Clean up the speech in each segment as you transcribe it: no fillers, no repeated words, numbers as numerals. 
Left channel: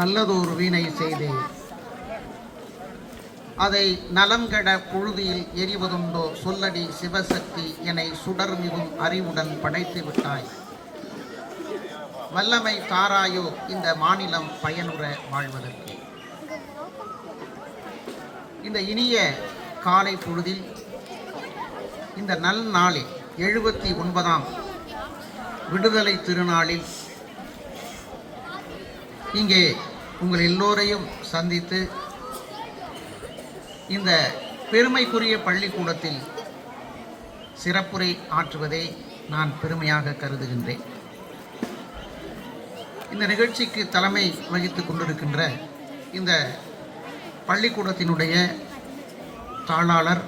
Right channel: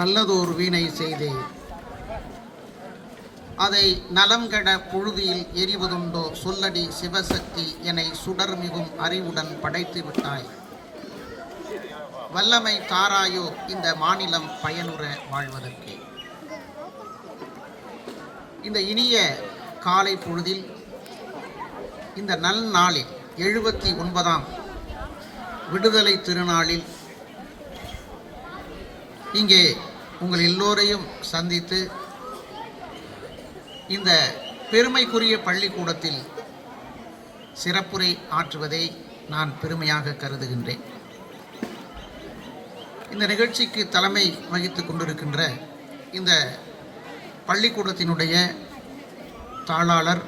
நல்லதோர் வீணை செய்தே அதை நலங்கட புழுதியில் எரிவதுண்டோ சொல்லடி சிவசக்தி என்னை சுடர் மிகும் அறிவுடன் படைத்து விட்டாய். வல்லமை தாராயோ இந்த மாநிலம் பயனுற வாழ்வதற்கு. இந்த இனிய காலை பொழுதில் இந்த நல் நாளில் 79ஆம் விடுதலை திருநாளில் இங்கே உங்கள் எல்லோரையும் சந்தித்து இந்த பெருமைக்குரிய பள்ளிக்கூடத்தில் சிறப்புரை ஆற்றுவதை நான் பெருமையாக கருதுகின்றேன். இந்த நிகழ்ச்சிக்கு தலைமை வகித்துக் கொண்டிருக்கின்ற இந்த பள்ளிக்கூடத்தினுடைய தாளாளர்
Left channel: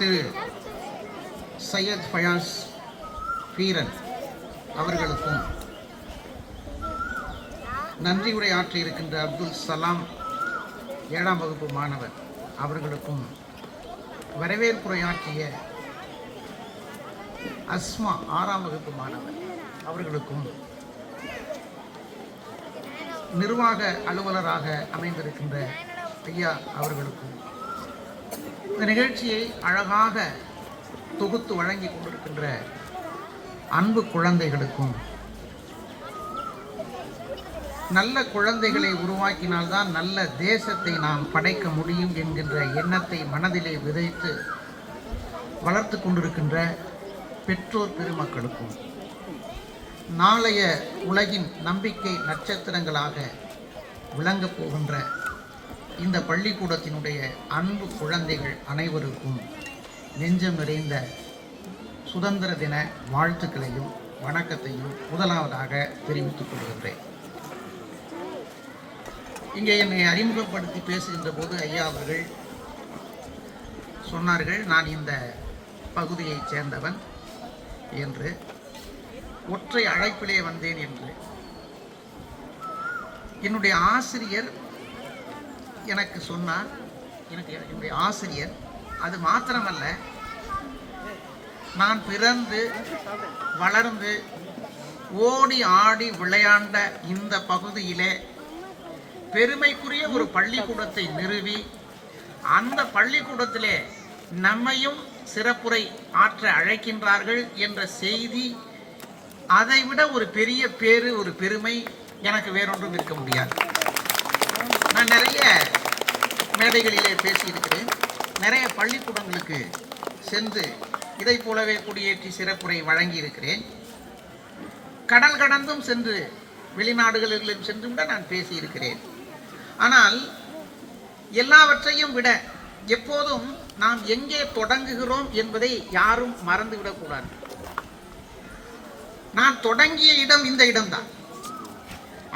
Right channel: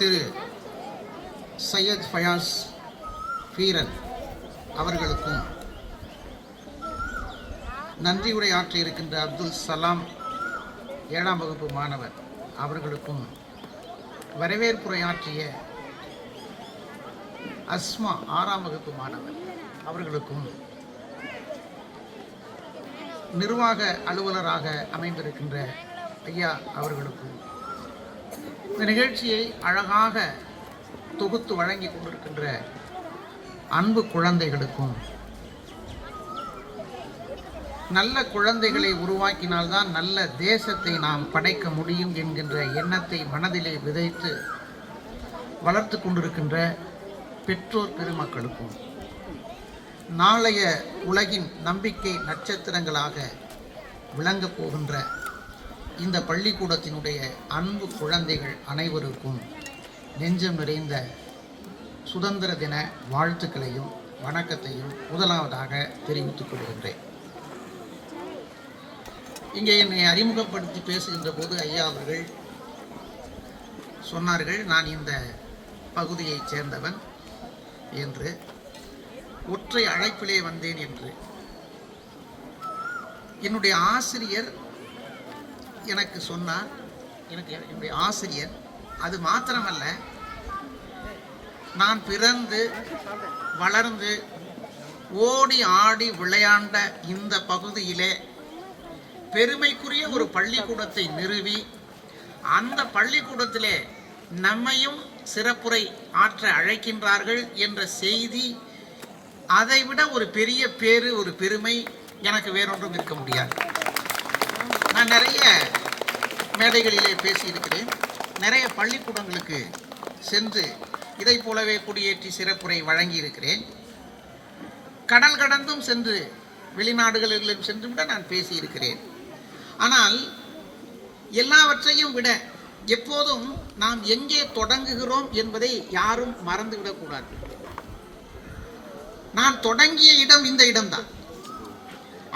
திரு சையத் ஃபயாஸ் ஃபீரன் அவர்களுக்கும், நன்றி உரை ஆற்றி இருக்கின்ற அப்துல் சலாம் 7ஆம் வகுப்பு மாணவர் அவர்களுக்கும், வரவேற்புரையாற்றிய அஸ்மா 6ஆம் வகுப்பு மாணவர் அவர்களுக்கும், நிர்வாக அலுவலராக அமைந்திருக்கின்ற ஐயா அவர்களுக்கும், இந்த நிகழ்ச்சியை அழகாக தொகுத்து வழங்கி கொண்டிருக்கின்ற அன்பு குழந்தைகளுக்கும், நல்ல குழந்தைகளை உருவாக்கினால்தான் நல்ல தேசத்தை நாம் படைக்க முடியும் என்கின்ற எண்ணத்தை மனதிலே விதைத்து வளர்த்து கொண்டிருக்கின்ற பெற்றோர் பெருமக்களுக்கும், நாளைய உலகின் நம்பிக்கை நட்சத்திரங்களாக விளங்கப் போகின்ற இந்த பள்ளிக்கூடத்தினுடைய அன்பு குழந்தைகள் அனைவருக்கும் நெஞ்சம் நிறைந்த சுதந்திர தின வாழ்த்துக்களையும் வணக்கத்தையும் முதலாவதாக தெரிவித்துக் கொள்கின்றேன். இங்கே என்னை அறிமுகப்படுத்தி பேசுகின்ற போது ஐயா அவர்கள் சொன்னார்கள், நான் இந்த பகுதியைச் சேர்ந்தவன் என்று, ஒற்றை அழைப்பிலே வந்தேன் என்று. என்னுடைய ஆசிரியர் எனக்கு சொன்னார், என்னுடைய ஆசிரியர், அது மாத்திரமல்ல, நான் பிறந்து வளர்ந்து ஓடி ஆடி விளையாண்ட இந்த பகுதியிலே பெருமைக்குரிய ஒரு பள்ளிக்கூடத்தை நிறுவி அந்த பள்ளிக்கூடத்திலே நம்மையும் சிறப்புரை ஆற்ற அழைக்கின்றார்கள் என்ற செய்தி, அதைவிட ஒரு பெரிய பேரு, ஒரு பெருமை எனக்கு வேறொன்றும் இருக்க முடியாது. நான் நிறைய மேடைகளிலே பேசியிருக்கிறேன், நிறைய பள்ளிக்கூடங்களுக்கு சென்று இதை போலவே குடியேற்றி சிறப்புரை வழங்கி இருக்கிறேன். கடல் கடந்தும் சென்று வெளிநாடுகளிலும் சென்று கூட நான் பேசியிருக்கிறேன். ஆனால் எல்லாவற்றையும் விட எப்போதும் நாம் எங்கே தொடங்குகிறோம் என்பதை யாரும் மறந்துவிடக்கூடாது. நான் தொடங்கிய இடம் இந்த இடம்தான்.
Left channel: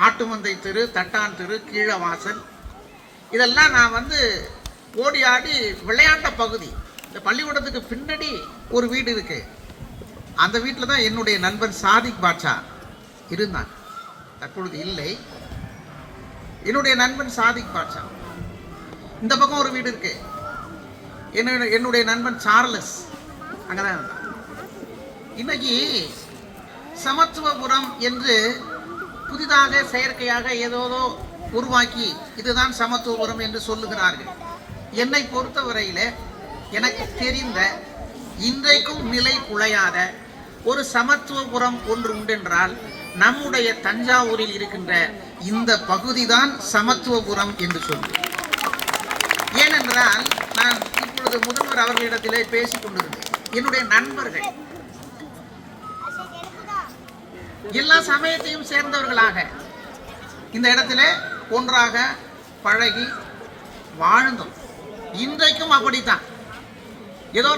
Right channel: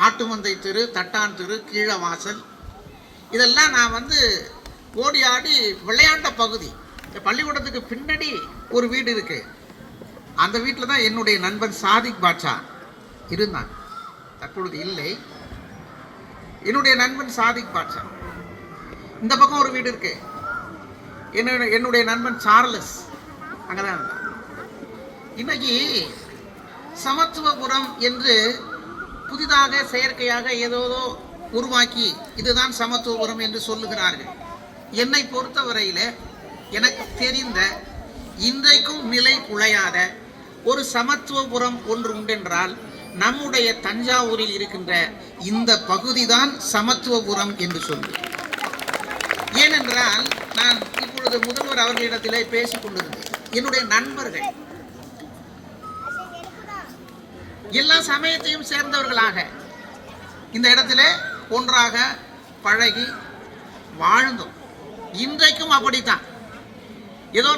ஆட்டுமந்தை தெரு, தட்டான் தெரு, கீழவாசல், இதெல்லாம் நான் ஓடி ஆடி விளையாண்ட பகுதி. இந்த பள்ளிக்கூடத்துக்கு பின்னாடி ஒரு வீடு இருக்கு. அந்த வீட்டில் தான் என்னுடைய நண்பன் சாதிக் பாட்சா இருந்தான். தற்பொழுது இல்லை. என்னுடைய நண்பன் சாதிக் பாட்சா. இந்த பக்கம் ஒரு வீடு இருக்கு. என்னுடைய நண்பன் சார்லஸ் அங்கதான் இருந்தான். இன்னைக்கு சமத்துவபுரம் என்று புதிதாக செயற்கையாக ஏதோதோ உருவாக்கி இதுதான் சமத்துவபுரம் என்று சொல்லுகிறார்கள். என்னை பொறுத்தவரையில எனக்கு தெரிந்த, இன்றைக்கும் நிலை குலையாத ஒரு சமத்துவபுரம் ஒன்று உண்டென்றால் நம்முடைய தஞ்சாவூரில் இருக்கின்ற இந்த பகுதிதான் சமத்துவபுரம் என்று சொல்லுவேன். ஏனென்றால் நான் இப்பொழுது முதல்வர் அவர்களிடத்திலே பேசிக் கொண்டிருந்தேன். என்னுடைய நண்பர்கள் எல்லா சமயத்தையும் சேர்ந்தவர்களாக இந்த இடத்துல ஒன்றாக பழகி வாழ்ந்தோம். இன்றைக்கும் அப்படித்தான். ஏதோ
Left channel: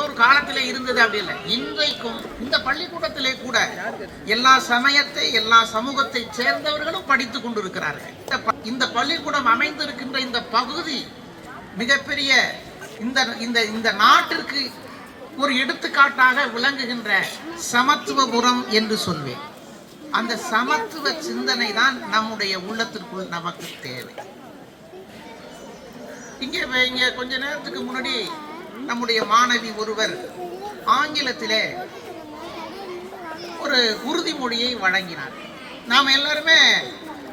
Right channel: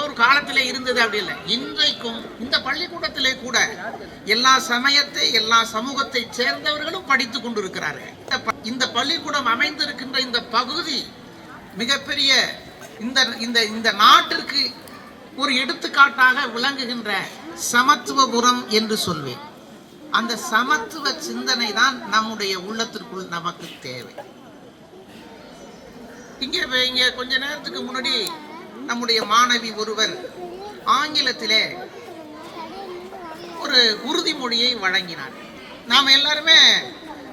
ஒரு காலத்திலே இருந்தது அப்படி இல்லை. இன்றைக்கும் இந்த பள்ளிக்கூடத்திலே கூட எல்லா சமயத்தை, எல்லா சமூகத்தை சேர்ந்தவர்களும் படித்துக் கொண்டிருக்கிறார்கள். இந்த பள்ளிக்கூடம் அமைந்திருக்கின்ற இந்த பகுதி மிகப்பெரிய இந்த நாட்டிற்கு ஒரு எடுத்துக்காட்டாக விளங்குகின்ற சமத்துவபுரம் என்று சொல்வேன். அந்த சமத்துவ சிந்தனை தான் நம்முடைய உள்ளத்திற்குள் நமக்கு தேவை. இங்கே கொஞ்ச நேரத்துக்கு முன்னாடி நம்முடைய மாணவி ஒருவர் ஆங்கிலத்திலே ஒரு உறுதிமொழியை வழங்கினார். நாம் எல்லாருமே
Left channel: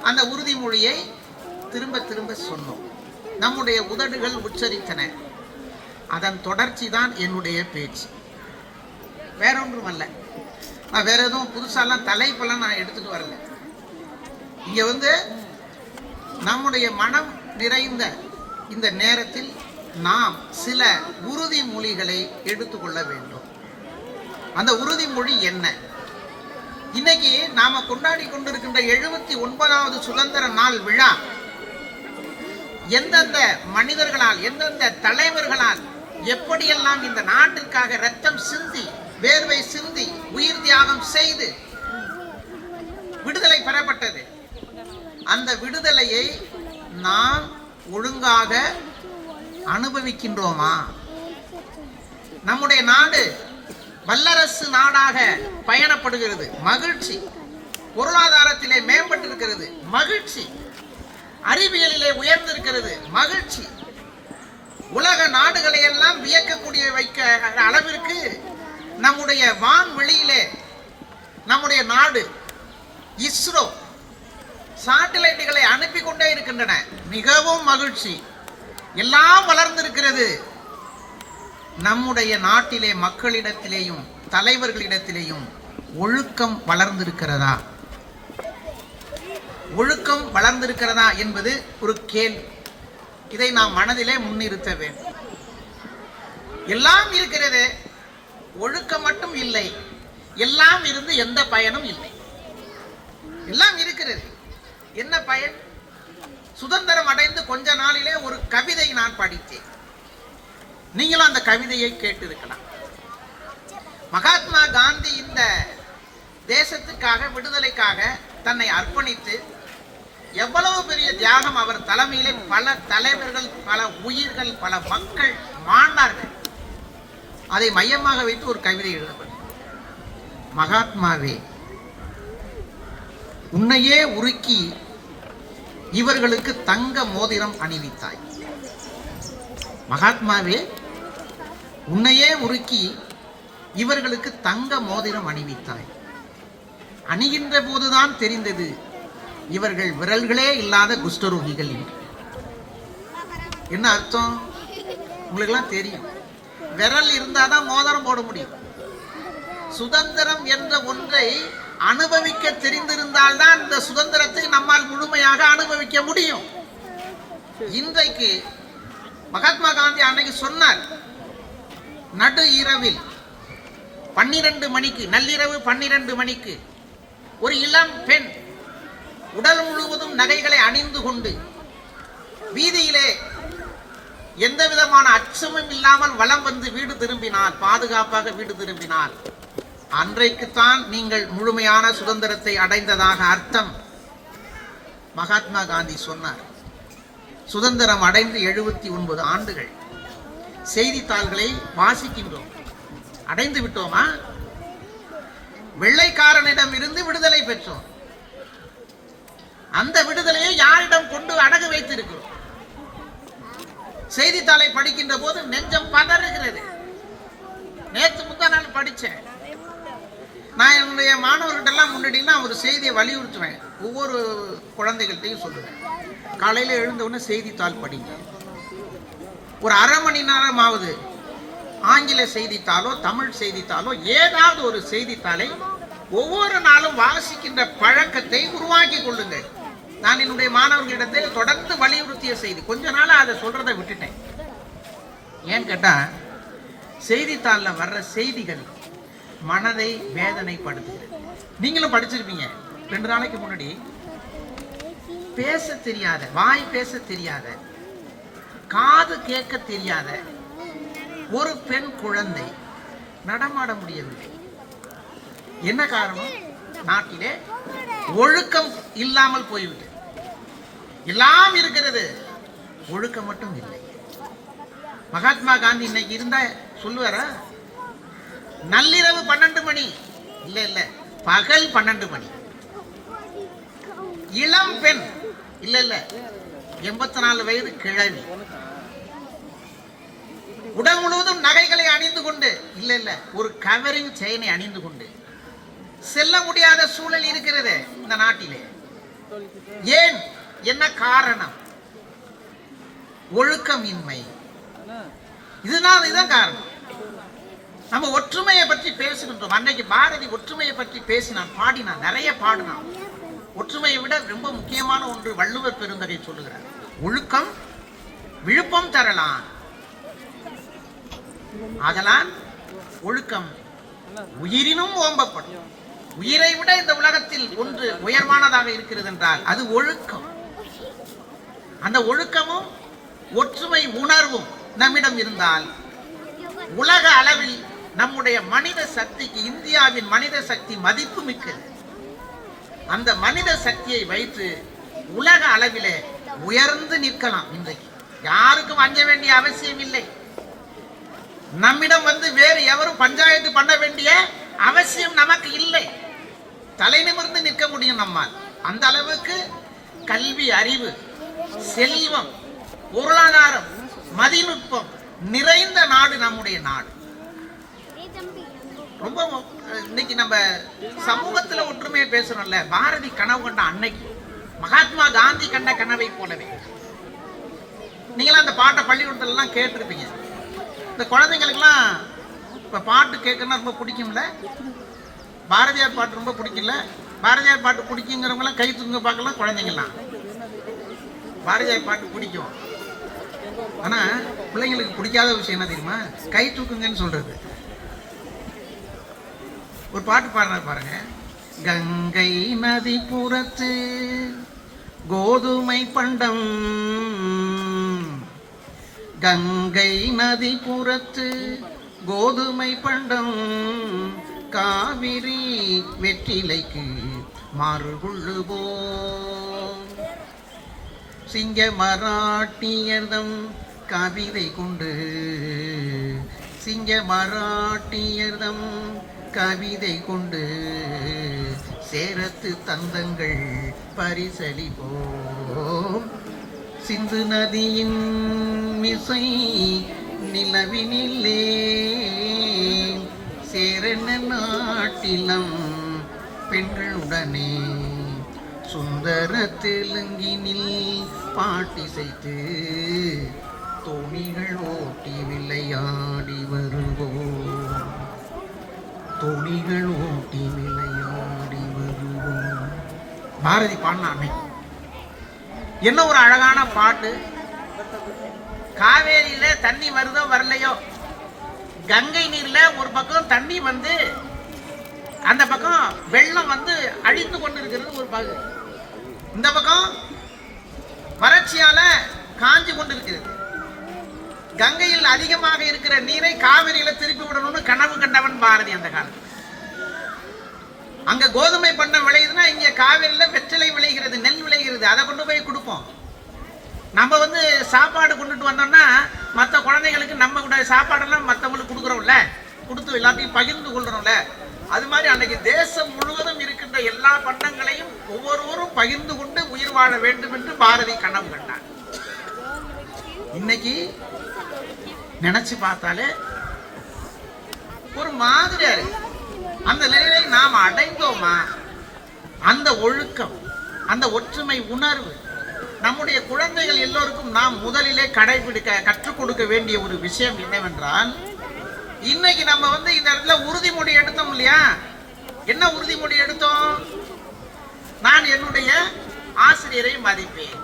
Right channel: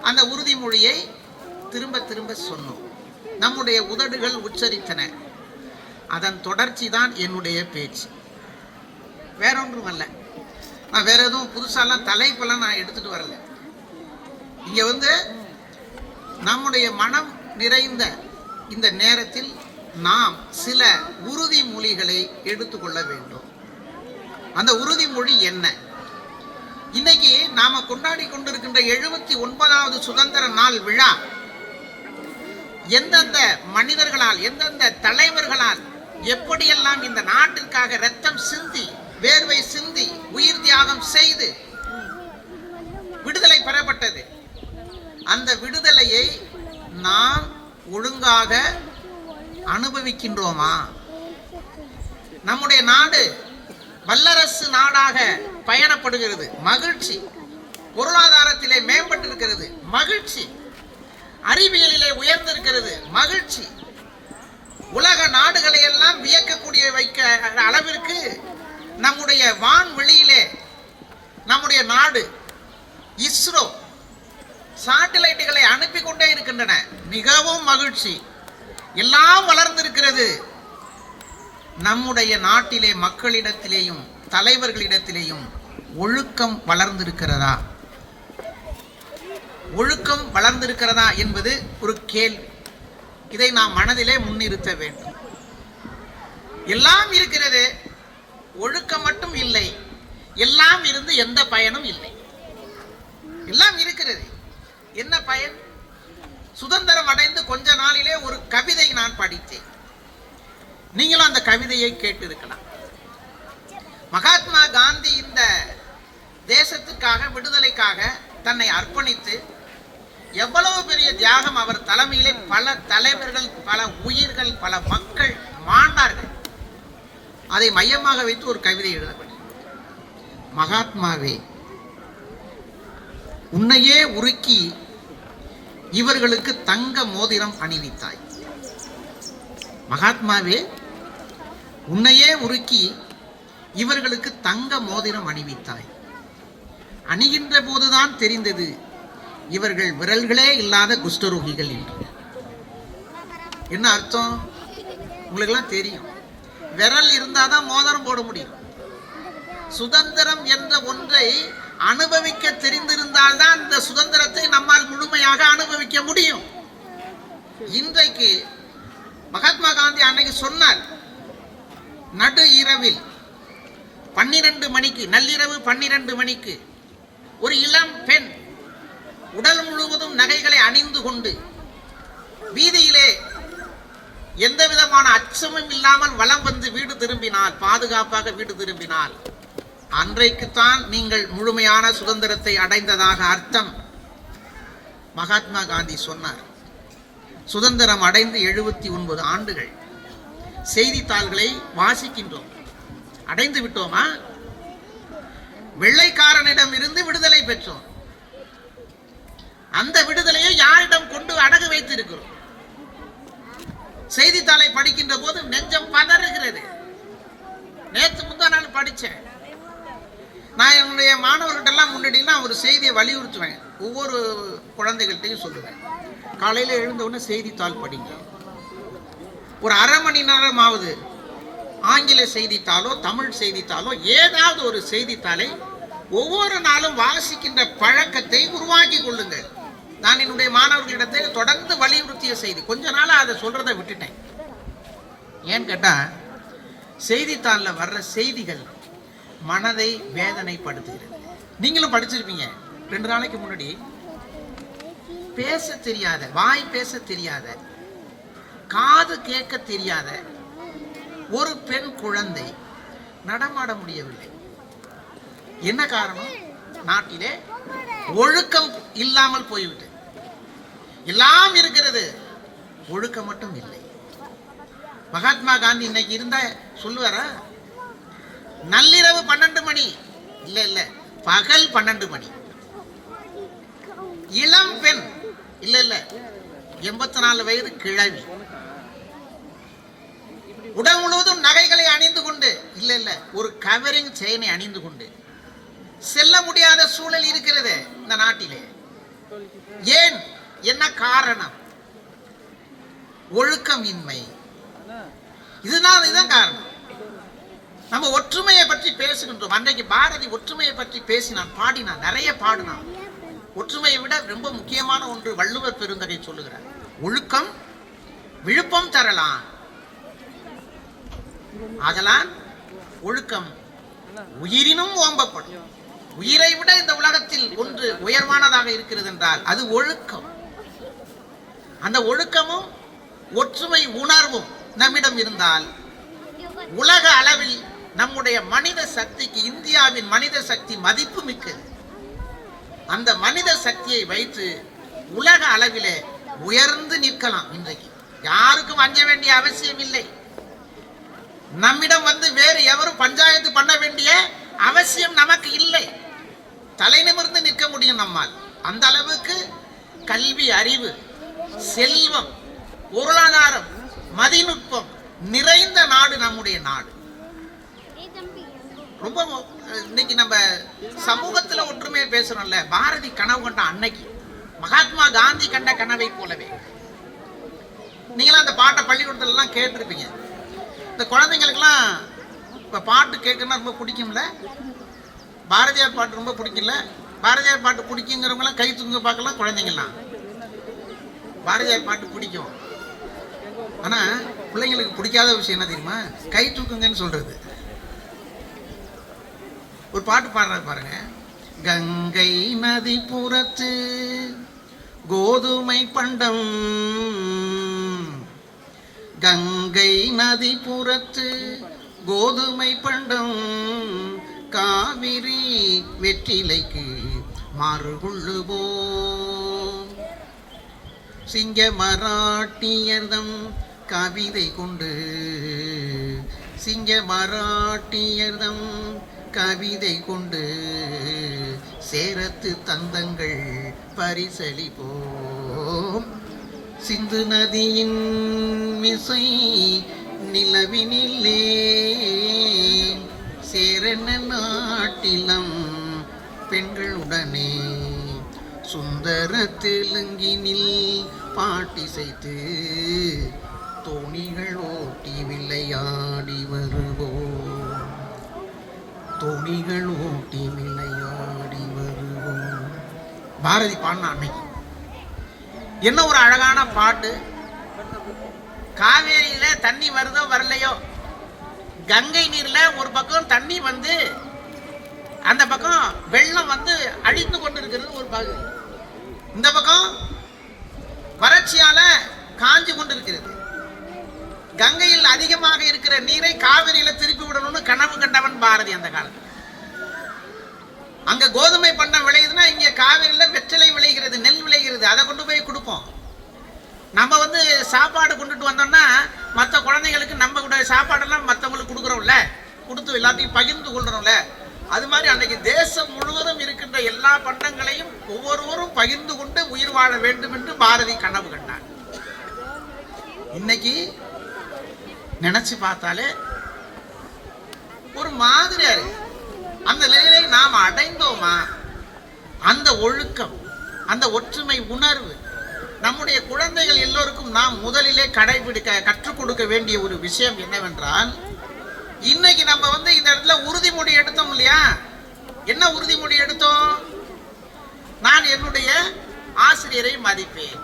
அந்த உறுதிமொழியை திரும்ப திரும்ப சொன்னோம். நம்முடைய உதடுகள் உச்சரித்தன. அதன் தொடர்ச்சி தான் என்னுடைய பேச்சு. வேற ஒன்றும் அல்ல. நான் வேற எதுவும் புதுசாலாம் தலைப்பெல்லாம் நான் எடுத்துட்டு வரல. இங்க நம்முடைய மனம் நிறைந்த இந்த நேரத்தில் நாம் சில உறுதிமொழிகளை எடுத்துக்கொள்ள வேண்டும். அந்த உறுதிமொழி என்ன? இன்னைக்கு நாம கொண்டாடி கொண்டிருக்கின்ற 79வது சுதந்திர நாள் விழா எந்தெந்த மனிதர்களால், எந்தெந்த தலைவர்களால் எப்படியெல்லாம் இந்த நாட்டிற்காக இரத்தம் சிந்தி, வேர்வை சிந்தி, உயிர் தியாகம் செய்து விடுதலை பெறப்பட்டது. அந்த விடுதலையை நாம் ஒழுங்காக அனுபவிக்கின்றோமா? நம்முடைய நாடு வல்லரசு நாடாக பயணப்படுகிறது, மகிழ்ச்சி. பொருளாதாரத்திலே மேம்பட்டிருக்கிறது, மகிழ்ச்சி. அறிவியலிலே உயர்ந்திருக்கிறது, மகிழ்ச்சி. உலக நாடுகளை எல்லாம் வியக்கக்கூடிய வைக்க அளவிற்கு நம்முடைய வான்வெளியிலே நம்முடைய நாடு இஸ்ரோ சாட்டிலைட்டுகளை அனுப்பி கொண்டே இருக்கின்றன, மிகவும் மகிழ்ச்சி. எல்லாம் வளர்ந்திருக்கிறது. நம்முடைய நாட்டிலே மக்களிடத்திலேயும் தலைவர்களிடத்திலேயும் ஒழுக்கம் வளர்ந்திருக்கிறதா? ஒழுக்கம் வளர்ந்திருக்கிறதா என்பது ஒரு கேள்வி. இதை நாம் மனதிலே முன்னிறுத்த வேண்டும். எல்லாம் இருக்கிறது, ஒழுக்கம் மட்டும் இல்லை. எல்லாம் இருந்து எந்த பயனும் இல்லை. எல்லாம் இருக்கிறது, என்ன பயன்? சுதந்திரம் அடைந்து கொஞ்ச நாளிலே ஒரு கவிதை நான் படித்தேன். நீங்களும் அந்த கவிதையை கேட்டிருக்கலாம். மகாத்மா காந்தி இந்த தேசத்துக்காக, விடுதலைக்காக தன்னை அர்ப்பணித்து எவ்வளவு பெரிய தியாகம் அவர் தலைமையிலே பல தலைவர்கள், பல உயிர்கள், பல மக்கள் மாண்டார்கள். அதை மையமாக வைத்து ஒரு கவிதை எழுதப்பட்டது. மகாத்மாவே, உன்னையே உருக்கி இவர்களுக்கு தங்க மோதிரம் அணிவித்தாய். மகாத்மாவே, உன்னையே உருக்கி இவர்களுக்கு தங்க மோதிரம் அணிவித்தாய். அணிகின்ற போதுதான் தெரிந்தது இவர்கள் விரல்களே இல்லாத குஷ்டரோகிகள் என்று. என்ன அர்த்தம்? உங்களுக்கு எல்லாம் தெரியும். விரல் இருந்தாதான் மோதிரம் போட முடியும். சுதந்திரம் என்ற ஒன்றை அனுபவிக்க தெரிந்திருந்தால்தான் இந்த சுதந்திரத்தை நம்மால் முழுமையாக அனுபவிக்க முடியும். இன்றைக்கு மகாத்மா காந்தி அன்னைக்கு சொன்னார், நடு இரவில் 12 மணிக்கு, நள்ளிரவு 12 மணிக்கு ஒரு இளம் பெண் உடல் முழுவதும் நகைகளை அணிந்து கொண்டு வீதியிலே எந்த விதமான அச்சமும் இல்லாமல் வலம் வந்து வீடு திரும்பினார், பாதுகாப்பாக வீடு திரும்பினார். அன்றைக்குத்தான் நீங்கள் முழுமையான சுதந்திரத்தை அடைந்ததாக அர்த்தம். மகாத்மா காந்தி சொன்னார். சுதந்திரம் அடைந்து 79 ஆண்டுகள். செய்தித்தாள்களை வாசிக்கின்றோம். அடைந்து விட்டோமா? வெள்ளைக்காரனிடம் இருந்து விடுதலை பெற்றோம். அந்த விடுதலையை யாரிடம் கொண்டு அடகு வைத்திருக்கிறோம்? செய்தித்தாளை படிக்கின்ற போது நெஞ்சம் பதறுகிறது. நேற்று முந்தா நாள் படிச்சேன். நான் என்னுடைய மாணவர்கிட்டெல்லாம் முன்னாடிலாம் ஒரு செய்தியை வலியுறுத்துவேன். ஒவ்வொரு குழந்தைகள்கிட்டையும் சொல்லுவேன், காலையில் எழுந்தவுடனே செய்தித்தாள் படிங்க. ஒரு அரை மணி நேரமாவது ஆங்கில செய்தித்தாளோ தமிழ் செய்தித்தாளோ ஏதாவது ஒரு செய்தித்தாளை ஒவ்வொரு நாளும் வாசிக்கின்ற பழக்கத்தை உருவாக்கி கொள்ளுங்கள். நான் என்னுடைய மாணவர்களிடத்தில் தொடர்ந்து வலியுறுத்திய செய்தி. கொஞ்ச நாளா அதை சொல்றதை விட்டுட்டேன். ஏன்னு கேட்டா, செய்தித்தாளில் வர்ற செய்திகள் மனதை வேதனைப்படுத்துகிறது. நீங்களும் படிச்சிருப்பீங்க. 2 நாளைக்கு முன்னாடி பேச தெரியாத, வாய் பேச தெரியாத, காது கேட்க தெரியாத ஒரு பெண் குழந்தை நடமாட முடியவில்லை. என்ன காரணம்? நாட்டிலே ஒழுக்கம் இல்லாமல் போய்விட்டது. எல்லாம் இருக்கிறது, ஒழுக்கம் மட்டும் இல்லை. மகாத்மா காந்தி இன்னைக்கு இருந்தா சொல்லுவார, நள்ளிரவு 12 மணி இல்ல இல்ல, பகல் 12 மணி. இளம் பெண் இல்ல இல்ல, 84 வயது கிழவி. உடல் முழுவதும் நகை அணிந்து கொண்டு இல்ல ஒரு கவரிங் செயினை அணிந்து கொண்டு செல்ல முடியாத சூழல் இருக்கிறது இந்த நாட்டிலே. ஏன்? என்ன காரணம்? ஒழுக்கமின்மை. இதுதான் காரணம். நம்ம ஒற்றுமையை பற்றி பேசுகின்றோம். அன்றைக்கு பாரதி ஒற்றுமையை பற்றி பேசினான், பாடினான், நிறைய பாடினான். ஒற்றுமையை விட ரொம்ப முக்கியமான ஒன்று வள்ளுவர் பெருந்தகை சொல்லுகிறார். ஒழுக்கம் விழுப்பம் தரலாம், அதெல்லாம் ஒழுக்கம் உயிரினும் ஓம்பப்படும். உயிரை விட இந்த உலகத்தில் ஒன்று உயர்வானதாக இருக்கிறது என்றால் அது ஒழுக்கம். அந்த ஒழுக்கமும் ஒற்றுமை உணர்வும் நம்மிடம் இருந்தால் உலக அளவில் நம்முடைய மனித சக்திக்கு, இந்தியாவின் மனித சக்தி மதிப்பு மிக்கது. அந்த மனித சக்தியை வைத்து உலக அளவிலே உயர்ந்து நிற்கலாம். இன்றைக்கு யாருக்கும் அஞ்ச வேண்டிய அவசியம் இல்லை. நம்மிடம் வேறு எவரும் பஞ்சாயத்து பண்ண வேண்டிய அவசியம் நமக்கு இல்லை. தலை நிமிர்ந்து நிற்க முடியும் நம்மால். அந்த அளவுக்கு கல்வி, அறிவு, செல்வம், பொருளாதாரம், மதிநுட்பம் நிறைந்த நாடு நம்முடைய நாடு. ரொம்ப இன்னைக்கு நம்ம சமூகத்துல ஒற்றுமையை பேசணும்ல. பாரதி கனவு கண்ட அன்னைக்கு மகாத்மா காந்தி கண்ட கனவை போலவே நீங்களாம் அந்த பாட்டை பள்ளிக்கூடத்துல எல்லாம் கேட்டிருப்பீங்க. இந்த குழந்தைங்களுக்கெல்லாம் இப்ப பாட்டு கேட்கணும்னா ரொம்ப பிடிக்கும்ல. பாரதியார் பாட்டு ரொம்ப பிடிக்கல. பாரதியார் பாட்டு பிடிக்குங்கிறவங்களாம் கை தூங்க பார்க்கலாம். குழந்தைங்கலாம் பாரதியார் பாட்டு பிடிக்கும். ஆனா பிள்ளைங்களுக்கு பிடிக்காத விஷயம் என்ன தெரியுமா? கை தூக்குங்கன்னு சொல்றது. ஒரு பாட்டு பாடுற பாருங்க. கங்கை நதி புறத்து கோதுமை பண்டம், கங்கை நதி புறத்து கோதுமை பண்டம், காவிரி வெற்றிலைக்கு மாறுகொள்ளுவோம். சிங்க மராட்டியர்தம் கவிதை கொண்டு, சிங்க மராட்டியர்தம் கவிதை கொண்டு சேரத்து தந்தங்கள் பரிசளிப்போம். சிந்து நதியின் மிசை நிலவினிலே சேரன நாட்டிலம் பெண்களுடனே சுந்தர தெலுங்கினில் பாட்டிசைத்து தோணிகள் ஓட்டி விளையாடி வருவோம், தோணிகள் ஓட்டி விளையாடி வருவோம். பாரதி பாடின அன்னைக்கு என்ன ஒரு அழகான பாட்டு. காவேரியில தண்ணி வருதோ வரலையோ, கங்கை நீர்ல ஒரு பக்கம் தண்ணி அந்த பக்கம் வெள்ளம் அழிந்து கொண்டிருக்கிறது ஒரு பகுதி, இந்த பக்கம் வறட்சியால காஞ்சி கொண்டிருக்கிறது. கங்கையில் அதிகமாக இருக்கிற நீரை காவிரியில திருப்பி விடணும்னு கனவு கண்டவன் பாரதி அந்த காலத்தில். அங்க கோதுமை பண்ண விளையுதுன்னா இங்க காவிரியில வெற்றிலை விளைகிறது, நெல் விளைகிறது. அதை கொண்டு போய் கொடுப்போம். நம்ம சாப்பாடு கொண்டுட்டு வந்தோம்னா மற்ற குழந்தைகளுக்கு நம்ம கூட சாப்பாடெல்லாம் மற்றவங்களுக்கு கொடுக்குறோம்ல, கொடுத்து எல்லாத்தையும் பகிர்ந்து கொள்றோம்ல. அது மாதிரி அன்னைக்கு தேசம் முழுவதும் இருக்கின்ற எல்லா பண்டங்களையும் ஒவ்வொருவரும் பகிர்ந்து கொண்டு உயிர் வாழ வேண்டும் என்று பாரதி கனவு கண்டார். இன்னைக்கு நினைச்சு பார்த்தாலே ஒரு மாதிரியா இருக்கு. அந்த நிலையை நாம் அடைந்தோமா? அந்த ஒழுக்கம், அந்த ஒற்றுமை உணர்வு நம்முடைய குழந்தைகள் எல்லோருக்கும் நாம் முதலிலே கடைபிடிக்க கற்றுக் கொடுக்க வேண்டிய ஒரு விஷயம் என்னவென்றால், இன்னைக்கு நம்ம இந்த இடத்துல உறுதிமொழி எடுத்தோம் இல்லையா? என்ன உறுதிமொழி எடுத்தோம்? நான் என்னுடைய ஆசிரியரை மதிப்பேன்,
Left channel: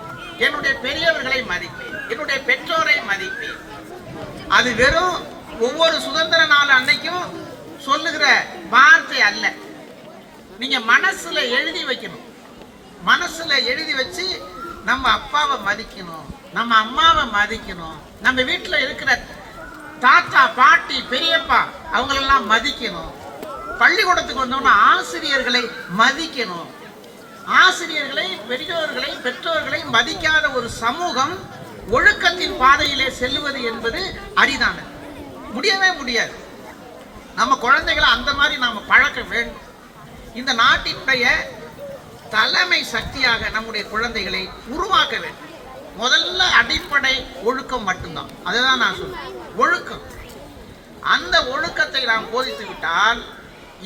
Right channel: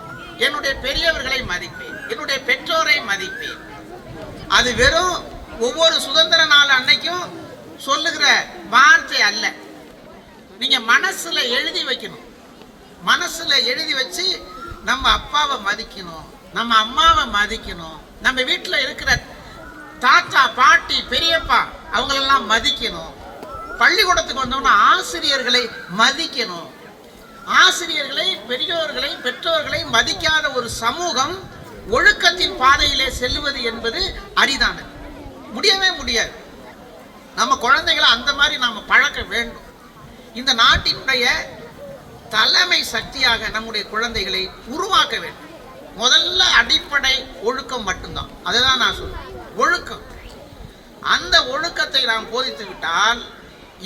என்னுடைய பெரியவர்களை மதிப்பேன், என்னுடைய பெற்றோரை மதிப்பேன். அது வெறும் ஒவ்வொரு சுதந்திர நாள் அன்னைக்கும் சொல்லுகிற வார்த்தை அல்ல. நீங்க மனசுல எழுதி வைக்கணும். மனசுல எழுதி வச்சு நம்ம அப்பாவை மதிக்கணும், நம்ம அம்மாவை மதிக்கணும், நம்ம வீட்டுல இருக்கிற தாத்தா பாட்டி பெரியப்பா அவங்களெல்லாம் மதிக்கணும். பள்ளிக்கூடத்துக்கு வந்தோம்னா ஆசிரியர்களை மதிக்கணும். ஆசிரியர்களை, பெரியோர்களை, பெற்றோர்களை மதிக்காத ஒரு சமூகம் ஒழுக்கத்தின் பாதையிலே செல்லுவது என்பது அரிதானது. முடியவே முடியாது. நம்ம குழந்தைகளை அந்த மாதிரி நாம பழக்க வேண்டும். இந்த நாட்டினுடைய தலைமை சக்தியாக நம்முடைய குழந்தைகளை உருவாக்க வேண்டும். முதல்ல அடிப்படை ஒழுக்கம் மட்டும்தான். அதுதான் நான் சொல்றேன், ஒழுக்கம். அந்த ஒழுக்கத்தை நாம் போதித்து விட்டால்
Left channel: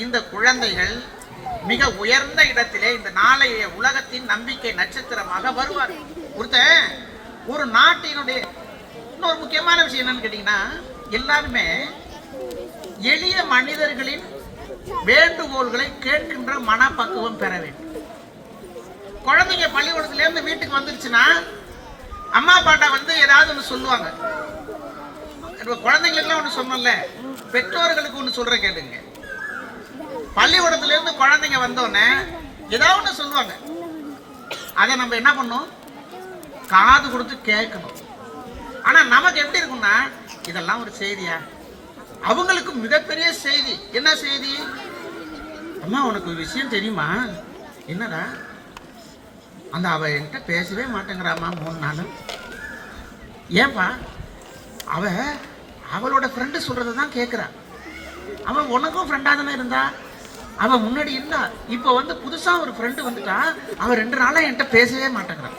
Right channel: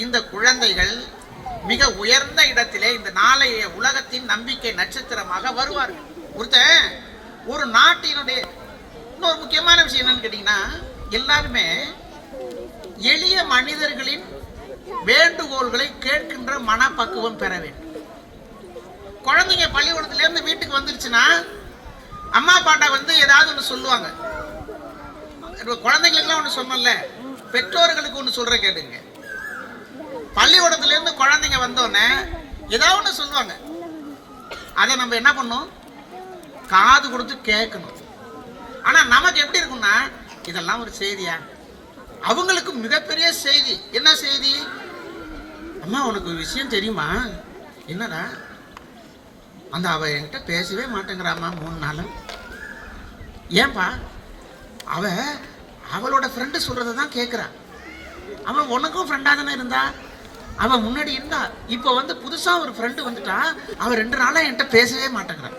இந்த குழந்தைகள் மிக உயர்ந்த இடத்திலே இந்த நாளைய உலகத்தின் நம்பிக்கை நட்சத்திரமாக வருவார்கள். ஒரு நாட்டினுடைய இன்னொரு முக்கியமான விஷயம் என்னன்னு கேட்டீங்கன்னா, எல்லாருமே எளிய மனிதர்களின் வேண்டுகோள்களை கேட்கின்ற மனப்பக்குவம் பெற வேண்டும். குழந்தைங்க பள்ளிக்கூடத்துல இருந்து வீட்டுக்கு வந்துருச்சுன்னா அம்மா அப்பாட்ட வந்து ஏதாவது ஒன்று சொல்லுவாங்க. குழந்தைங்களுக்கு ஒன்று சொன்னல, பெற்றோர்களுக்கு ஒன்று சொல்ற கேளுங்க. பள்ளிக்கூடத்துல இருந்து குழந்தைங்க வந்தோடனே ஏதாவது ஒன்று சொல்லுவாங்க. அதை நம்ம என்ன பண்ணோம்? காது கொடுத்து கேட்கணும். ஆனா நமக்கு எப்படி இருக்கும்னா, இதெல்லாம் ஒரு செய்தியா? அவங்களுக்கு மிகப்பெரிய செய்தி. என்ன செய்தி? அம்மா உனக்கு விஷயம் தெரியுமா? என்னடா? அந்த அவ என்கிட்ட பேசவே மாட்டேங்கிறாமா 3 நாளும். ஏன்பா? அவளோட ஃப்ரெண்டு சொல்றதை தான் கேட்குறா. அவள் உனக்கும் ஃப்ரெண்டாக தானே இருந்தா. அவன் முன்னாடி இருந்தா. இப்போ வந்து புதுசா ஒரு ஃப்ரெண்டு வந்துட்டா. அவன் 2 நாளா என்கிட்ட பேசவே மாட்டேங்கிறான்.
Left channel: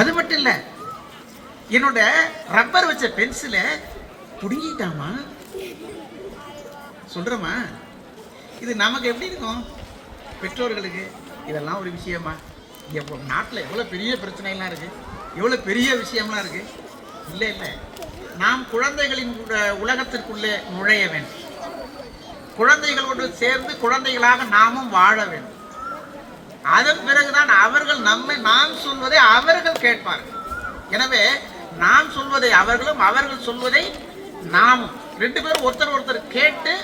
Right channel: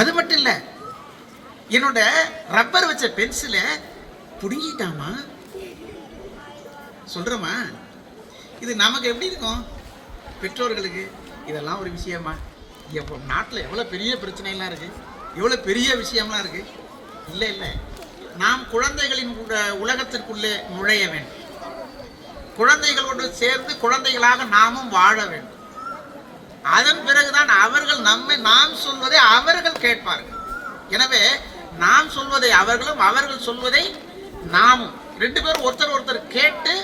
அது மட்டும் இல்லை, என்னோட ரப்பர் வச்ச பென்சிலை புடுங்கிட்டாமா. சொல்றமா? இது நமக்கு எப்படி இருக்கும்? பெற்றோர்களுக்கு இதெல்லாம் ஒரு விஷயமா? எப்போ நாட்டில் எவ்வளோ பெரிய பிரச்சனைலாம் இருக்கு, எவ்வளோ பெரிய விஷயம்லாம் இருக்கு. இல்லை இல்லை, நாம் குழந்தைகளின் உலகத்திற்குள்ளே நுழைய வேண்டும். குழந்தைகளோடு சேர்ந்து குழந்தைகளாக நாமும் வாழ வேண்டும். அதன் பிறகுதான் அவர்கள் நாம் சொல்வதை அவர்கள் கேட்பார்கள். எனவே நாம் சொல்வதை அவர்களும், அவர்கள் சொல்வதை நாமும், 2 பேரும் ஒருத்தர் கேட்டு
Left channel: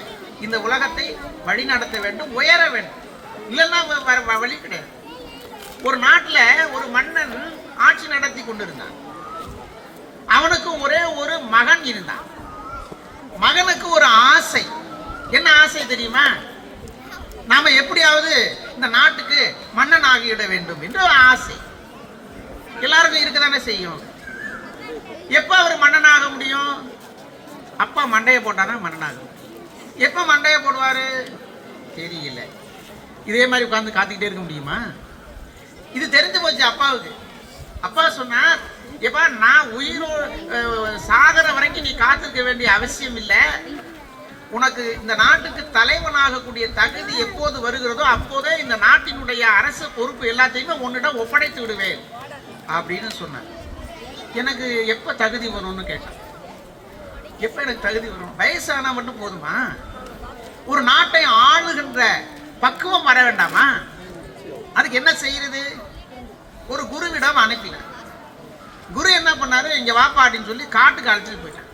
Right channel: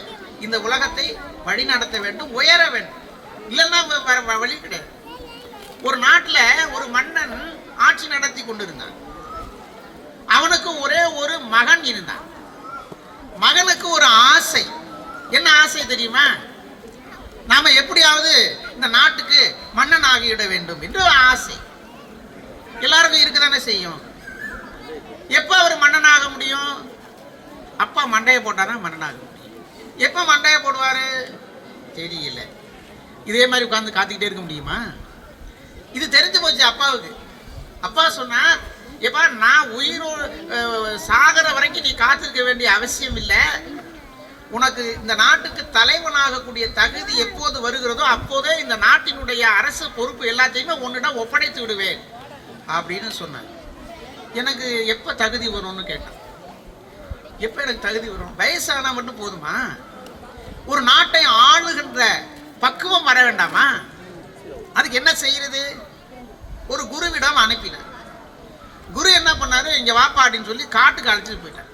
இந்த உலகத்தை வழிநடத்த வேண்டும், உயர வேண்டும். இல்லைன்னா வழி கிடையாது. ஒரு நாட்டில் ஒரு மன்னன் ஆட்சி நடத்தி கொண்டிருந்தான். அவனுக்கு ஒரே ஒரு மகன் இருந்தான். மகனுக்கு ஒரு ஆசை. என்ன ஆசை தெரியுமா? நாம எப்படியாவது இந்த நாட்டுக்கு மன்னன் ஆகிவிட வேண்டும் என்ற ஆசை எல்லாருக்கும் இருக்குதானே செய்யும். எப்ப அவர் மன்னனாக முடியும்? அப்பா மண்டையை போட்டாதான் மன்னனாக. எப்ப மண்டையை போடுவாரு தெரியல. இதே மாதிரி உட்கார்ந்து காத்துக்கிட்டே இருக்க முடியுமா? இது தெரிஞ்சு போச்சு அப்பாவுக்கு. அப்பா சொன்னார், எப்பா நான் உயிரோடு சாகர வரைக்கும் நீ காத்திருக்க வேண்டிய அவசியம் இல்லை. உனக்கு இந்த நாட்டுக்கு தலைவனாகக்கூடிய தகுதி எப்போது வருகிறதோ அப்போதே இந்த நாட்டினுடைய அரசு பொறுப்பு எல்லாத்தையுமே உன்னிடம் ஒப்படைத்து விடுவேன் அப்படின்னு சொன்னார். எனக்கு எப்போ தகுதி வரும்னு கேட்டேன். எப்போ எனக்கு தகுதி வரும்? வயசானா மட்டும் போதுமா? ஒரு நாட்டை ஆளுகின்ற பக்குவம் வர வேண்டாமா? அதுக்கு என்ன செய்யறது? ஒரு குருவிடம் அனுப்பினார். குரு என்ன பண்ணாரு? இங்க வாப்பா அப்படின்னு சொல்லி காட்டுக்கு அழைச்சிட்டு போயிட்டார்.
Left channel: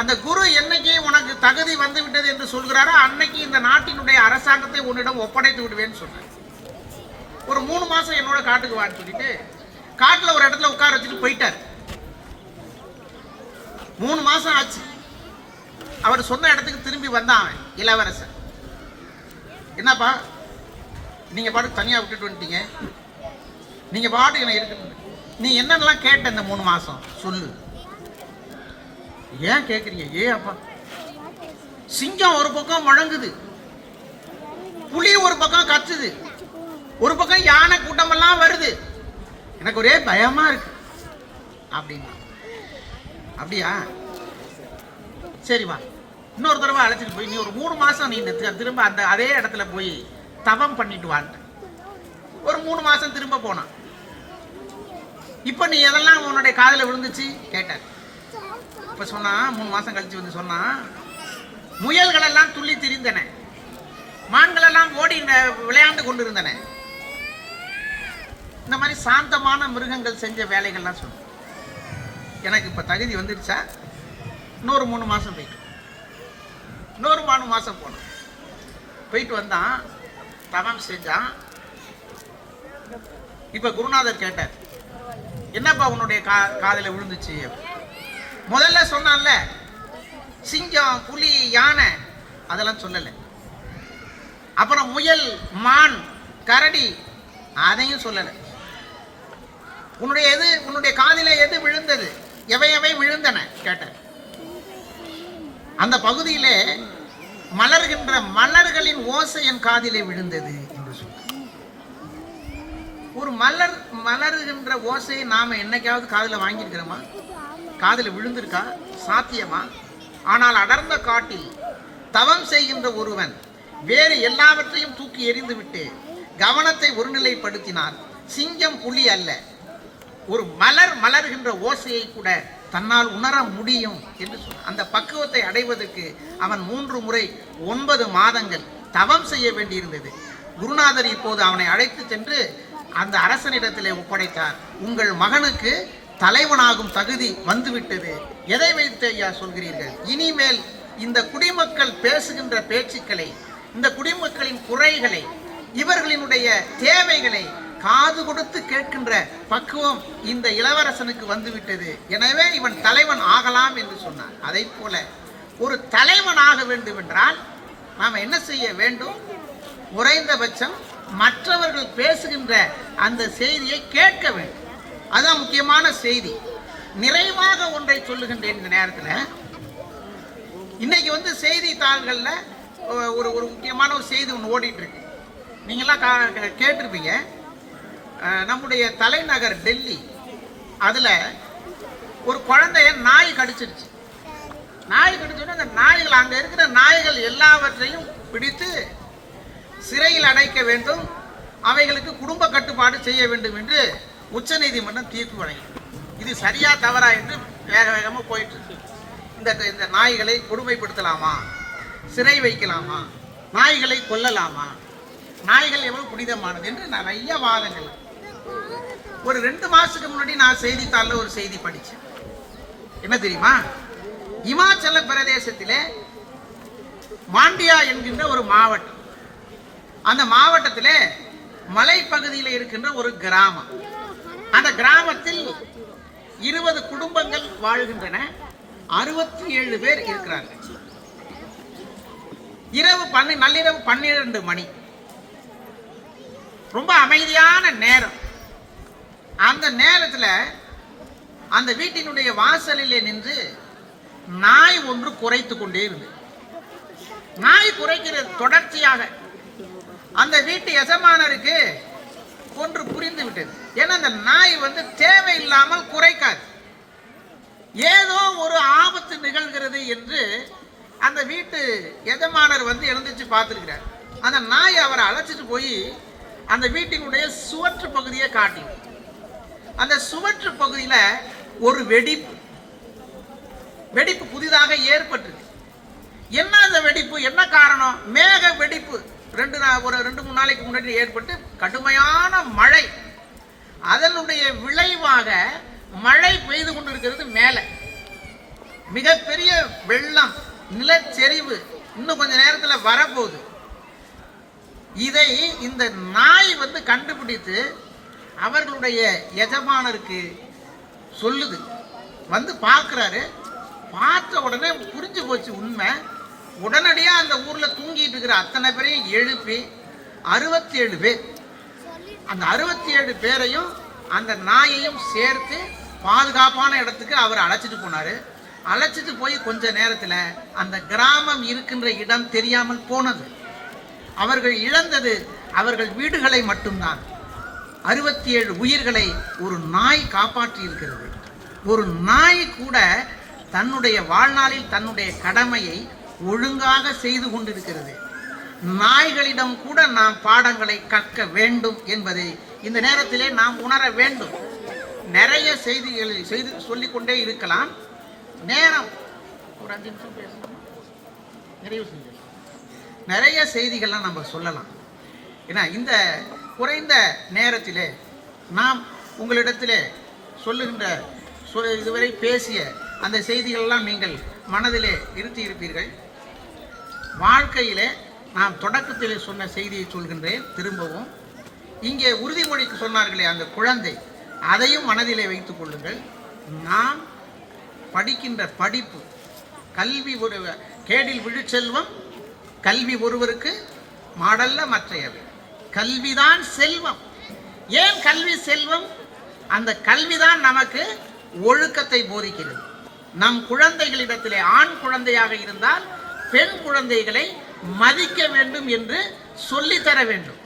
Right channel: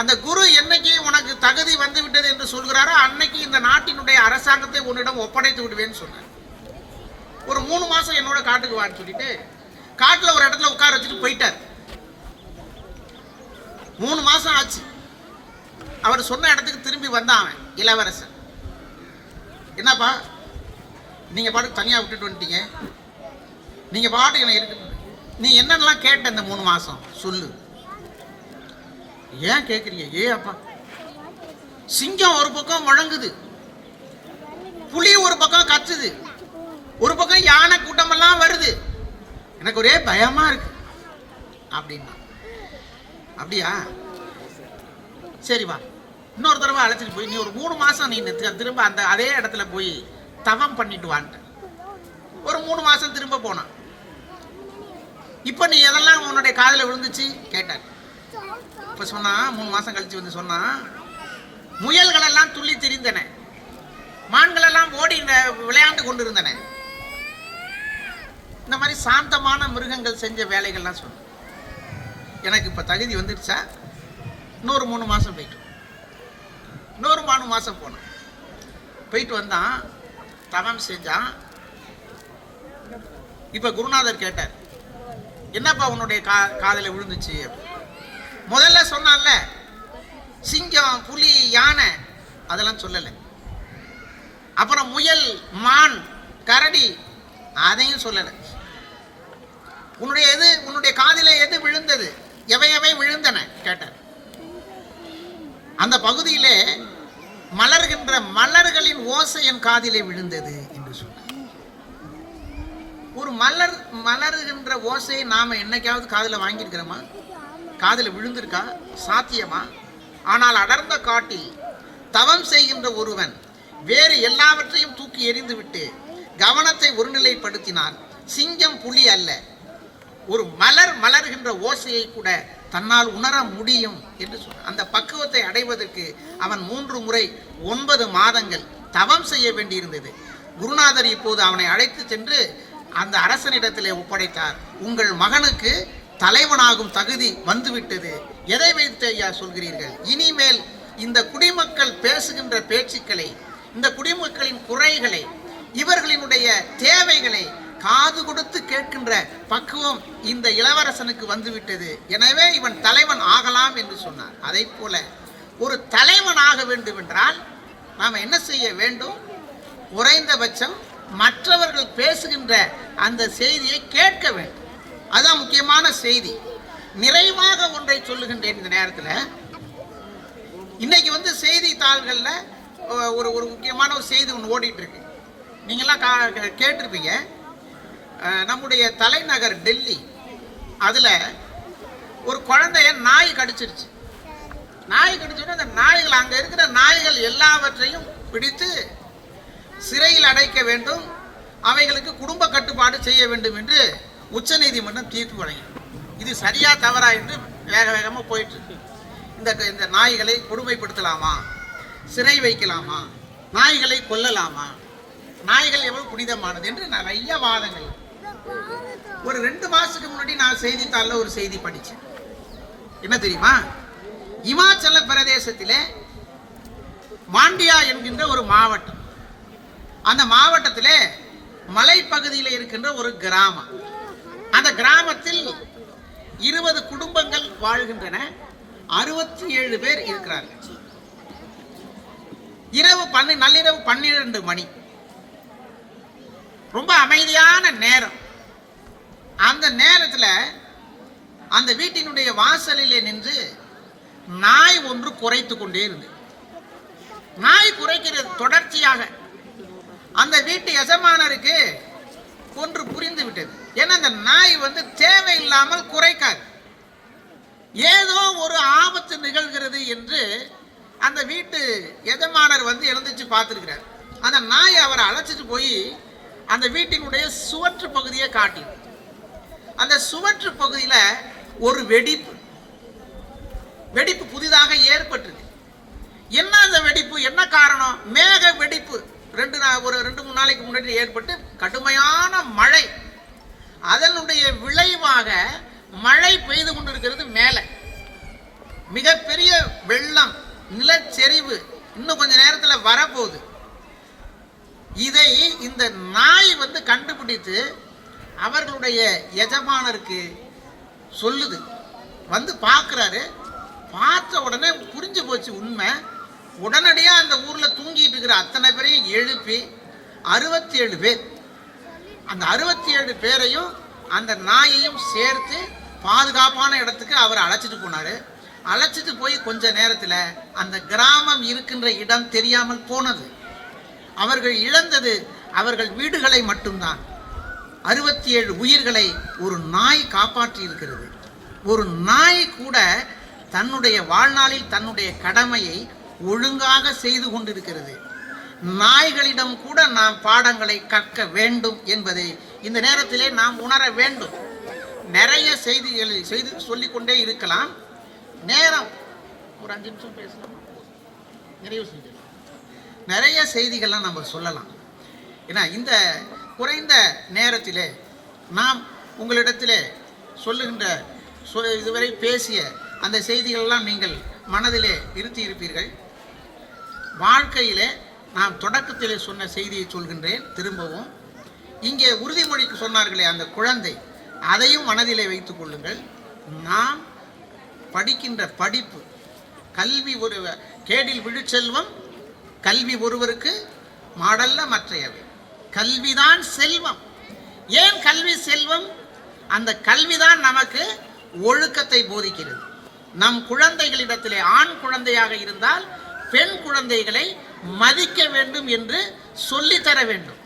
அந்த குரு என்னைக்கு உனக்கு தகுதி வந்து விட்டது என்று சொல்கிறாரோ அன்னைக்கு இந்த நாட்டினுடைய அரசாங்கத்தை உன்னிடம் ஒப்படைத்து விடுவேன்னு சொன்னார். ஒரு 3 மாசம் என்னோட காட்டுக்கு வான்னு சொல்லிட்டு காட்டுல ஒரு இடத்துல உட்கார வச்சுட்டு போயிட்டார். 3 மாசம் ஆச்சு. அவர் சொன்ன இடத்துக்கு திரும்பி வந்தான் இளவரசர். என்னப்பா நீங்க பாட்டு தனியா விட்டுட்டு வந்துட்டீங்க, நீங்க பாட்டு என்ன இருக்கு, நீ என்னெல்லாம் கேட்ட இந்த 3 மாசம் சொல்லு. ஏன் கேட்குறீங்க? அப்பா சிங்கம் ஒரு பக்கம் வழங்குது, புலி ஒரு பக்கம் கத்துது, ஒரு பக்கம் யானை கூட்டமெல்லாம் வருது, எனக்கு ஒரே பயமா இருக்கு அப்படின்னு. அப்படியா? சரி வா, இன்னொரு தடவை அழைச்சிட்டு போய் நீ ஒரு 3 மாசம் நீ திரும்ப அந்த அதே இடத்துல போய் தவம் பண்ணிட்டு வான்ட்டு. ஒரு 3 மாசம் திரும்ப போனான். இப்ப நீ எதெல்லாம் உன்னுடைய காதுல விழுந்துச்சு கேட்டார். இப்ப சொன்னா 3 மாசம் கழிச்சு வந்து சொன்னா, முயல்கள் எல்லாம் துள்ளி திரிந்தன, மான்கள் எல்லாம் ஓடி விளையாண்டு கொண்டிருந்தன. இந்த மாதிரி சாந்தமான மிருகங்கள் செஞ்ச வேலைகள்லாம் சொன்ன. எனக்கு இப்ப தகுதி வந்துடுச்சா? இன்னொரு 3 மாசம் போயிட்டு, இன்னொரு 3 மாசம் போனேன். போயிட்டு வந்தான், தவம் செஞ்சான். இப்ப குருநாதர் கேட்டார், என்னப்பா உன்னுடைய காதல விழுந்துச்சு? முதல்ல சொன்னான்ல சிங்கம், புலி, யானை, அதெல்லாம் சொல்லல. அப்புறம் முயல், மான், கரடி, அதையும் சொல்லல. உன்னுடைய காதில எது விழுந்தது? எவை விழுந்தன கேட்டார். அந்த பகுதியிலே மலர்கின்ற மலர்களின் ஓசை என் காதிலே விழுந்தது என்று சொன்னார். ஒரு மலருகின்ற ஓசையை நாம என்னைக்காவது காதுல வாங்கியிருக்கிறோமா? காதுல விழுந்திருக்கா? சாத்தியமா? ஆனால் அடர்ந்த காட்டில் தவம் செய்கின்ற ஒருவன் வேறு எல்லாவற்றையும் தூக்கி எறிந்துவிட்டு கவனத்தை ஒருநிலைப்படுத்தினான். சிங்கம் புலி அல்ல, ஒரு மலர் மலர்கின்ற ஓசையை கூட தன்னால் உணர முடியும் என்று அந்த பக்குவத்தை அடைவதற்கு அவன் 3 முறை 9 மாதங்கள் தவம் செய்ய வேண்டியிருந்தது. குருநாதர் இப்போது அவனை அழைத்து சென்று அந்த அரசனிடத்திலே ஒப்படைத்தார். உங்கள் மகனுக்கு தலைவனாகும் தகுதி வந்துவிட்டது. எதை வைத்து ஐயா சொல்கிறீர்கள்? இனிமேல் இந்த குடிமக்கள் பேசுகின்ற பேச்சுக்களை, இந்த குடிமக்களின் குறைகளை, இவர்களினுடைய தேவைகளை காது கொடுத்து கேட்கின்ற பக்குவம் இந்த இளவரசனுக்கு வந்துவிட்டது. எனவே இவன் தலைவன் ஆகலாம் என்று சொன்னார். அதை போல ஒரு தலைவன் ஆக வேண்டும் என்றால் நாம் என்ன செய்ய வேண்டும்? குறைந்தபட்சம் மற்றவர்கள் பேசுகின்ற அந்த செய்தியை கேட்க வேண்டும். அதுதான் முக்கியமான செய்தி. நிறைவாக ஒன்றை சொல்லுகின்றேன். இந்த நேரத்தில் இன்னைக்கு செய்தித்தாள்கள்ல ஒரு ஒரு முக்கியமான ஒரு செய்தி ஒன்று ஓடிட்டு இருக்கு. நீங்களாம் கேட்டிருப்பீங்க. நம்முடைய தலைநகர் டெல்லி, அதுல ஒரு குழந்தைய நாய் கடிச்சிருச்சு. நாய் கடிச்சுன்னா அந்த நாய்கள், அங்க இருக்கிற நாய்கள் எல்லாவற்றையும் பிடித்து சிறையில் அடைக்க வேண்டும், அவைகளுக்கு குடும்ப கட்டுப்பாடு செய்ய வேண்டும் என்று உச்ச நீதிமன்றம் தீர்ப்பு வழங்கி. இது சரியா தவறா என்று வேக வேகமாக போயிட்டு இருக்கு. இந்த நாய்களை கொடுமைப்படுத்தலாமா, சிறை வைக்கலாமா, நாய்களை கொல்லலாமா, நாய்கள் எவ்வளவு புனிதமானது என்று நிறைய வாதங்கள். ஒரு 2 மாசத்துக்கு முன்னாடி நான் செய்தித்தாளில் ஒரு செய்தி படித்தேன். என்ன தெரியுமா? இமாச்சல பிரதேசத்திலே மாண்டியா என்கின்ற ஒரு மாவட்டம். அந்த மாவட்டத்திலே மலைப்பகுதியில் இருக்கின்ற ஒரு கிராமம். அந்த கிராமத்தில் 20 குடும்பங்கள் வாழ்கின்றன. 67 பேர் இருக்கிறார்கள். நள்ளிரவு 12 மணி, ரொம்ப அமைதியான நேரம். அந்த நேரத்தில் அந்த வீட்டினுடைய வாசலிலே நின்று நாய் ஒன்று குரைத்து கொண்டே இருந்தது. நாய் குரைக்கிறது தொடர்ச்சியாக அந்த வீட்டு எஜமானருக்கு ஒன்று புரிந்து விட்டது. ஏன்னா அந்த நாய் தேவையில்லாமல் குரைக்காது. ஏதோ ஒரு ஆபத்து நிகழ்கிறது என்று அந்த வீட்டு எஜமானர் எழுந்திருச்சு பார்த்துருக்கிறார். அந்த நாய் அவரை அழைச்சிட்டு போய் அந்த வீட்டினுடைய சுவற்று பகுதியை காட்டி, அந்த சுவற்று பகுதியில் ஒரு வெடிப்பு புதிதாக ஏற்பட்டது. என்ன அந்த வெடிப்பு, என்ன காரணம்? மேக வெடிப்பு. ஒரு 2-3 நாளைக்கு முன்னாடி ஏற்பட்டு கடுமையான மழை. அதனுடைய விளைவாக மழை பெய்து கொண்டிருக்கிறது. மேல மிகப்பெரிய வெள்ளம், நிலச்சரிவு இன்னும் கொஞ்ச நேரத்தில் வரப்போகுது. இதை இந்த நாய் கண்டுபிடித்து அவர்களுடைய எஜமானருக்கு சொல்லுது. பார்க்குறாரு. பார்த்த உடனே புரிஞ்சு போச்சு உண்மை. உடனடியாக அந்த ஊரில் தூங்கிட்டு இருக்கிற அத்தனை பேரையும் எழுப்பி 67 பேர், அந்த 67 பேரையும் அந்த நாயையும் சேர்த்து பாதுகாப்பான இடத்துக்கு அவர் அழைச்சிட்டு போனார். அழைச்சிட்டு போய் கொஞ்ச நேரத்தில் அந்த கிராமம் இருக்கின்ற இடம் தெரியாமல் போனது. அவர்கள் இழந்தது அவர்கள் வீடுகளை மட்டும்தான். 67 உயிர்களை ஒரு நாய் காப்பாற்றி இருக்கிறது. ஒரு நாய் கூட தன்னுடைய வாழ்நாளில் தன்னுடைய கடமையை ஒழுங்காக செய்து கொண்டிருக்கிறது. நாய்களிடம் கூட நாம் பாடங்களை கற்க வேண்டும் என்பதை இந்த நேரத்திலே நாம் உணர வேண்டும். நிறைய செய்திகளை சொல்லிக்கொண்டே இருக்கலாம். நேரம் ஒரு 5 நிமிஷம் பேசணும். நிறைய செய்திகள்லாம் நம்ம சொல்லலாம். ஏன்னா இந்த குறைந்த நேரத்திலே நாம் உங்களிடத்திலே சொல்லுகின்ற இதுவரை பேசிய அந்த செய்திகளெல்லாம் நீங்கள் மனதிலே இருத்தி இருப்பீர்கள். வாழ்க்கையிலே நாம் தொடக்கத்திலே சொன்ன செய்தியை சொல்கின்றேன் திரும்பவும். இங்கே உறுதிமொழிக்கு சொன்னார்களே அந்த குழந்தை, அதையும் மனதிலே வைத்துக் கொள்ளுங்கள். நாம் படிக்கின்ற படிப்பு, கல்வி ஒரு கேடில் விழுச்செல்வம், கல்வி ஒருவருக்கு மாடல்ல மற்றையவை. கல்விதான் செல்வம். ஏன் கல்வி செல்வம்? அந்த கல்விதான் நமக்கு ஒழுக்கத்தை போதிக்கிறது. நம் குழந்தைகளிடத்திலே ஆண் குழந்தையாக இருந்தால் பெண் குழந்தைகளை மதிக்க வேண்டும் என்று சொல்லித்தர வேண்டும்.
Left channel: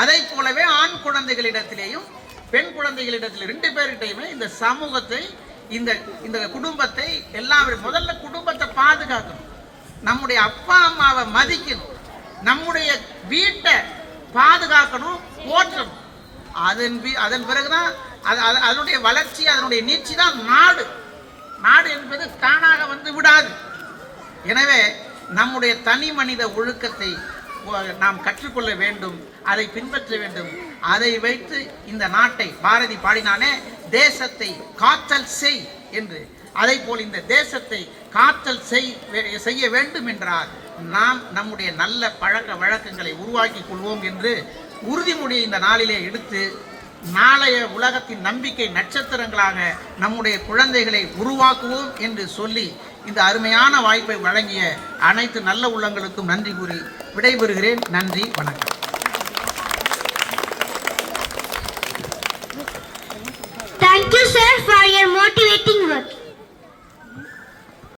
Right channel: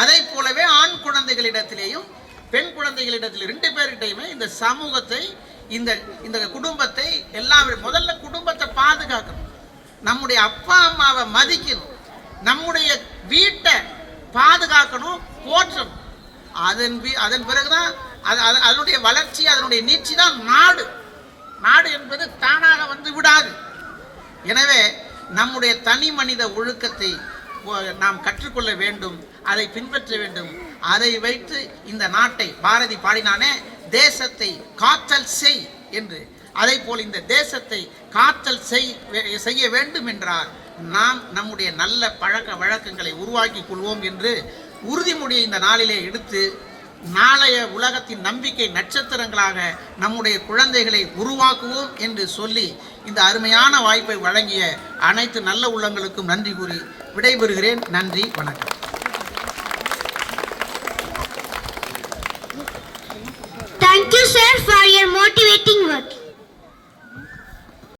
அதை போலவே ஆண் குழந்தைகளிடத்திலேயும் பெண் குழந்தைகளிடத்தில் 2 பேர்கிட்டையுமே இந்த சமூகத்தை இந்த இந்த குடும்பத்தை எல்லாரும் முதல்ல குடும்பத்தை பாதுகாக்கணும், நம்முடைய அப்பா அம்மாவை மதிக்கணும், நம்முடைய வீட்டை பாதுகாக்கணும், போற்றணும். அதன் பிறகுதான் அதனுடைய வளர்ச்சி, அதனுடைய நீட்சி தான் நாடு. நாடு என்பது தானாக வந்து விடாது. எனவே நம்முடைய தனி மனித ஒழுக்கத்தை நாம் கற்றுக்கொள்ள வேண்டும், அதை பின்பற்ற வேண்டும். அதை வைத்து இந்த நாட்டை, பாரதி பாடினானே, தேசத்தை காத்தல் செய் என்று, அதை போல் இந்த தேசத்தை காத்தல் செய்ய வேண்டும் என்றால் நாம் நம்முடைய நல்ல பழக்க வழக்கங்களை உருவாக்கி கொள்வோம் என்று உறுதிமொழியை இந்த நாளிலே எடுத்து, நாளைய உலகத்தின் நம்பிக்கை நட்சத்திரங்களாக நம்முடைய குழந்தைகளை உருவாக்குவோம் என்று சொல்லி இந்த அருமையான வாய்ப்பை வழங்கிய அனைத்து நல்ல உள்ளங்களுக்கும் நன்றி கூறி விடைபெறுகிறேன். நன்றி, வணக்கம். Thank you, sir, for